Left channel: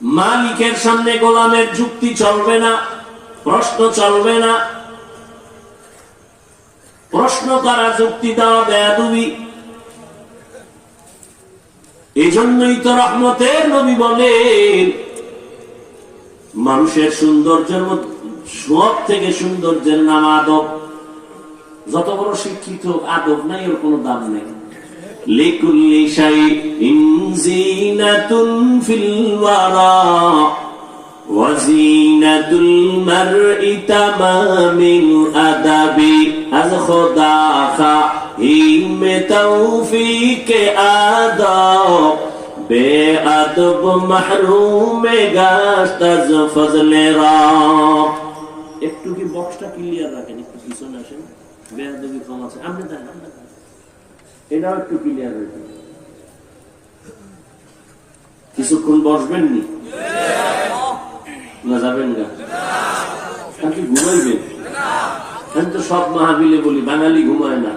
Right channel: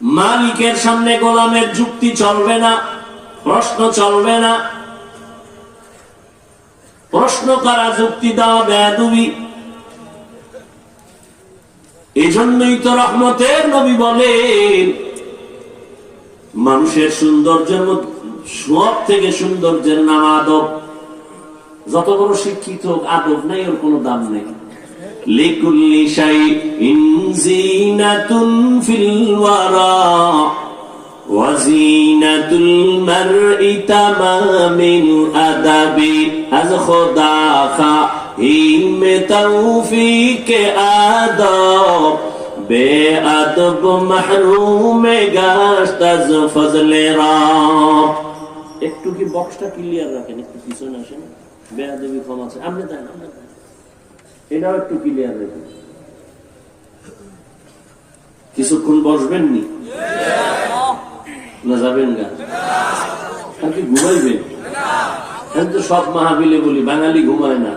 মালিকের সামনে গোলামের যুক্তি চলবে না, প্রশ্ন চলবে না। প্রশ্ন করা, যুক্তি দেওয়া বেয়াদবি। এই জন্যই তো রহমতের নবী বলেন, মানুষের সৌন্দর্যের সব থেকে সৌন্দর্যের নাম আদব। যত বড় শিক্ষিত আদব নাই, ওর কোনো দাম নেই। লিকুল্লি শাইইন যিনাতুন ফিল ওয়ারা ওয়া যিনাতুল মারই তামামিল আদাবি। আজ খোদা খাইম তৌফিক আদব বেআদব মাহরুম গাশত আজ ফজলে রাব। একটু কি বক্সটা ক্লিয়ার রাখেন, একটু পিছনে আসেন, বেআদবি কম আছে। আপনি দেন, এটাও একটু ক্লিয়ার রাখেন। কিছুক্ষণ বসবেন নি না যাবেন গা? নাকি ঘুমাইবেন? এখন তো সব মাহফিলে বলি বাঙালি ঘুমায় না,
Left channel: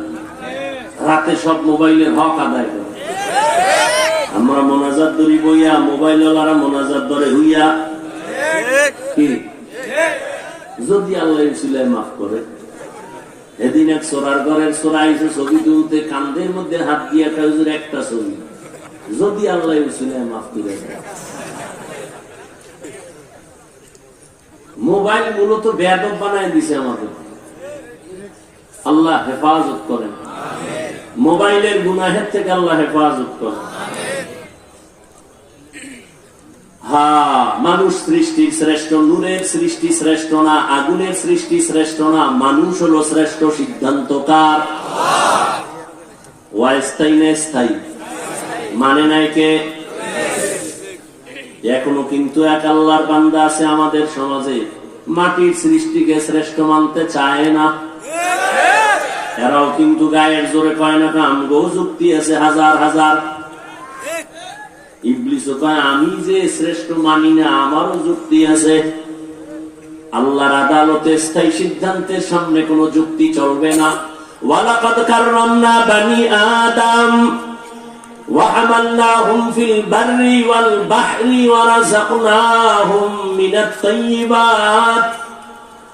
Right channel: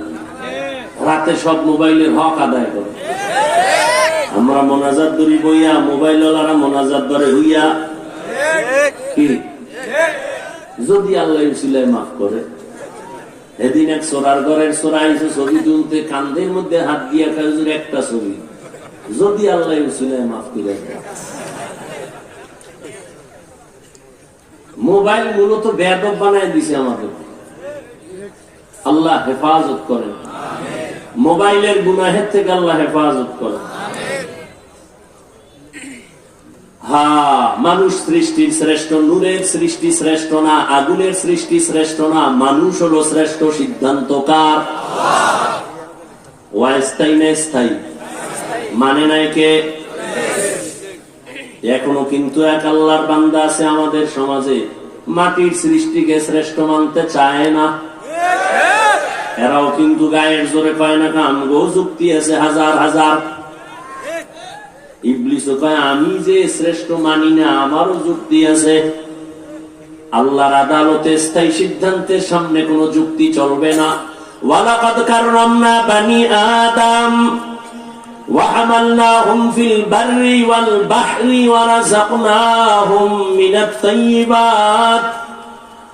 রাতে সব মোবাইলের হক আদায় করে। আমরা মোনাজাত ধরি বইয়া, মোবাইল ওয়ালারা মোনাজাত ধরে হইয়া। কি যদি আল্লাহ সিলাই মাফ করে। এদিন এক সোরার ঘরের সোরা আইসে ছবি তুলতে, কান্দের মধ্যে হাত দিয়া খায় একটা ছবি। যদি আল্লাহ সিলাই মাফ করে। মোবাইল মূলত বেয়াদব বানায় দিছে আমাদের। আল্লাহ হেফাজত করেন, মোবাইলের গুনাহের থেকে আল্লাহ হেফাজত করেন। মানুষ সৃষ্টির শ্রেষ্ঠ, নূরের সৃষ্টি শ্রেষ্ঠ না, আগুনের সৃষ্টি শ্রেষ্ঠ না, মানুষ হলো শ্রেষ্ঠ। সিদ্ধান্তকার স্থায়ী মানে নাই কে? এখনো কিন্তু এক আল্লাহর বান্দা আছে আমাদের সমাজে, মাটির সৃষ্টিকে শ্রেষ্ঠ মানতে চায় না। এরাও কিন্তু গায়ের জোরে কয় না, আমগো যুক্তি আছে হাজার হাজার। ইবলিসও কয় আমি যে শ্রেষ্ঠ মানি না, আমারও যুক্তি আছে। আল্লাহর আদালতে স্থায়ী সিদ্ধান্তের সামনে কোনো যুক্তি চলবে না। ওয়ালাকাদ কাররামনা বানি আদম ওয়া হামালনাহুম ফিল বাররি ওয়াল বাহরি ওয়া রাযাকনাহুম মিনাত তাইয়্যিবাত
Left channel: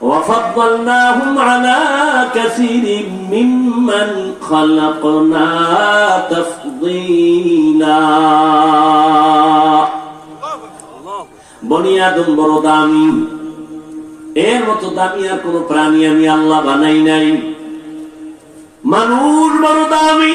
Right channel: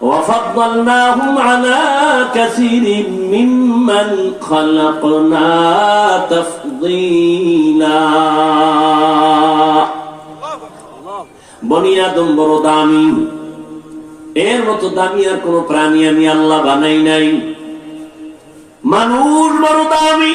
ওয়া ফাদ্দালনাহুম আলা কাসীরিন মিম্মান খালাকনা তাফদীলা। বনি আদম বড় দামি, এর মতো দামি আর কোন প্রাণী আমি আল্লাহ বানাই নাই। মানুষ বড় দামি।